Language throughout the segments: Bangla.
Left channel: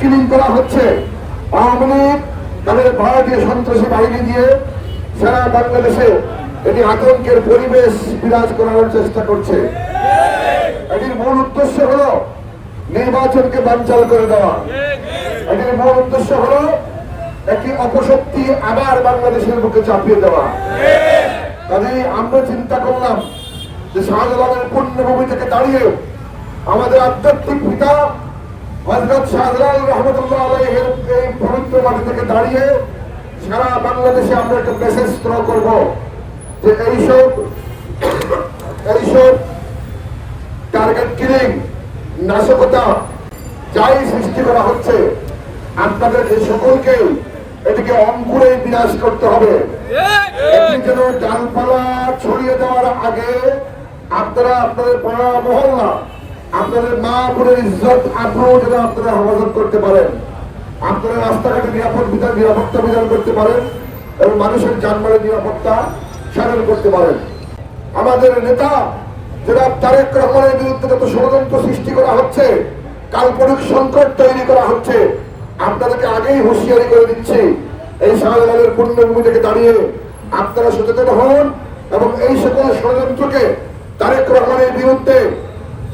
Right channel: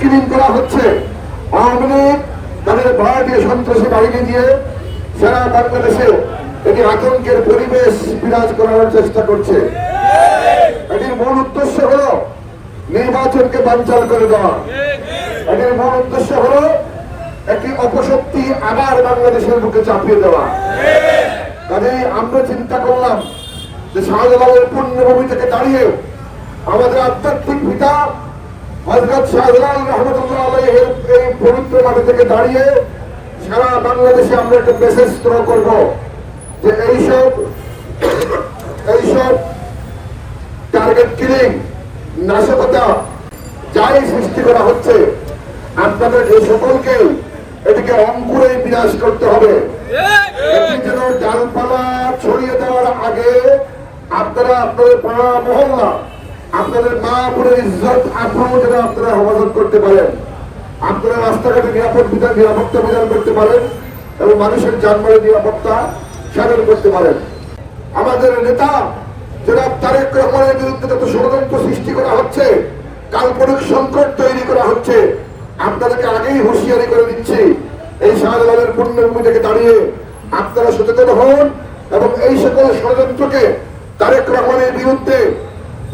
কিলিং করা হচ্ছে আওয়ামী লীগ তাদের ভারতীয় সন্ত্রাসী বাহিনী দিয়ে সারা বাংলাদেশে এটি আতঙ্কের পরিবেশ বিরাজ করার চেষ্টা করছে। এটির মূল উদ্দেশ্য হল নির্বাচনকে বানচাল করে দেওয়া। এটির মূল উদ্দেশ্য হল একটি অপশক্তি আবার বাংলাদেশের বুকে চাপিয়ে দেওয়া। কাজে আমরা চিন্তা করলাম যে শাহজালালের পুণ্যভূমি থেকে দাঁড়িয়ে আমাদের আধ্যাত্মিক পিতা হজরত মাটি থেকে দাঁড়িয়ে সারা বাংলাদেশে আমরা একটা মেসেজ করব যে এইসব এইসব টার্গেট কিলিং নাশকতা যাই সৃষ্টি করা হচ্ছে, আপনাদের এই সকলকে এটিকে অঙ্কুরে বিনাশ করতে হবে। যেন ডালপালা ছড়িয়ে দেওয়ার আগে আপনারা আপনাদের মহল্লা আপনাদের মা বোনের ইজ্জত আগ্রহ যেন আপনারা হেফাজত করতে পারেন। আপনারা রাস্তাঘাটে নিরাপদ বিধান, নিরাপত্তা বিধান করতে পারেন এবং মানুষের যানবাহনের নিরাপত্তা সাধন করতে পারেন। আমাদের নেতা যারা তারেক রহমানের বিরুদ্ধে যত ষড়যন্ত্র সৃষ্টি করা হচ্ছে, কাল্পনিক সংকট তৈরি করা হচ্ছে, আপনাদেরকে আগেই হুঁশিয়ারি করে দিচ্ছি, এই শাহজালালের পূর্ণভূমি থেকে দাঁড়িয়ে আপনারা সচেতন হন এবং এই সকল ষড়যন্ত্রকে তারেক রহমানের বিরুদ্ধে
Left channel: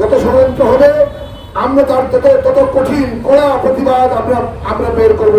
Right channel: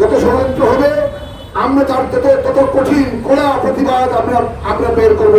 যত ষড়যন্ত্র হবে আমরা তার তত তত কঠিন কড়া প্রতিবাদ আমরা আমরা বের করব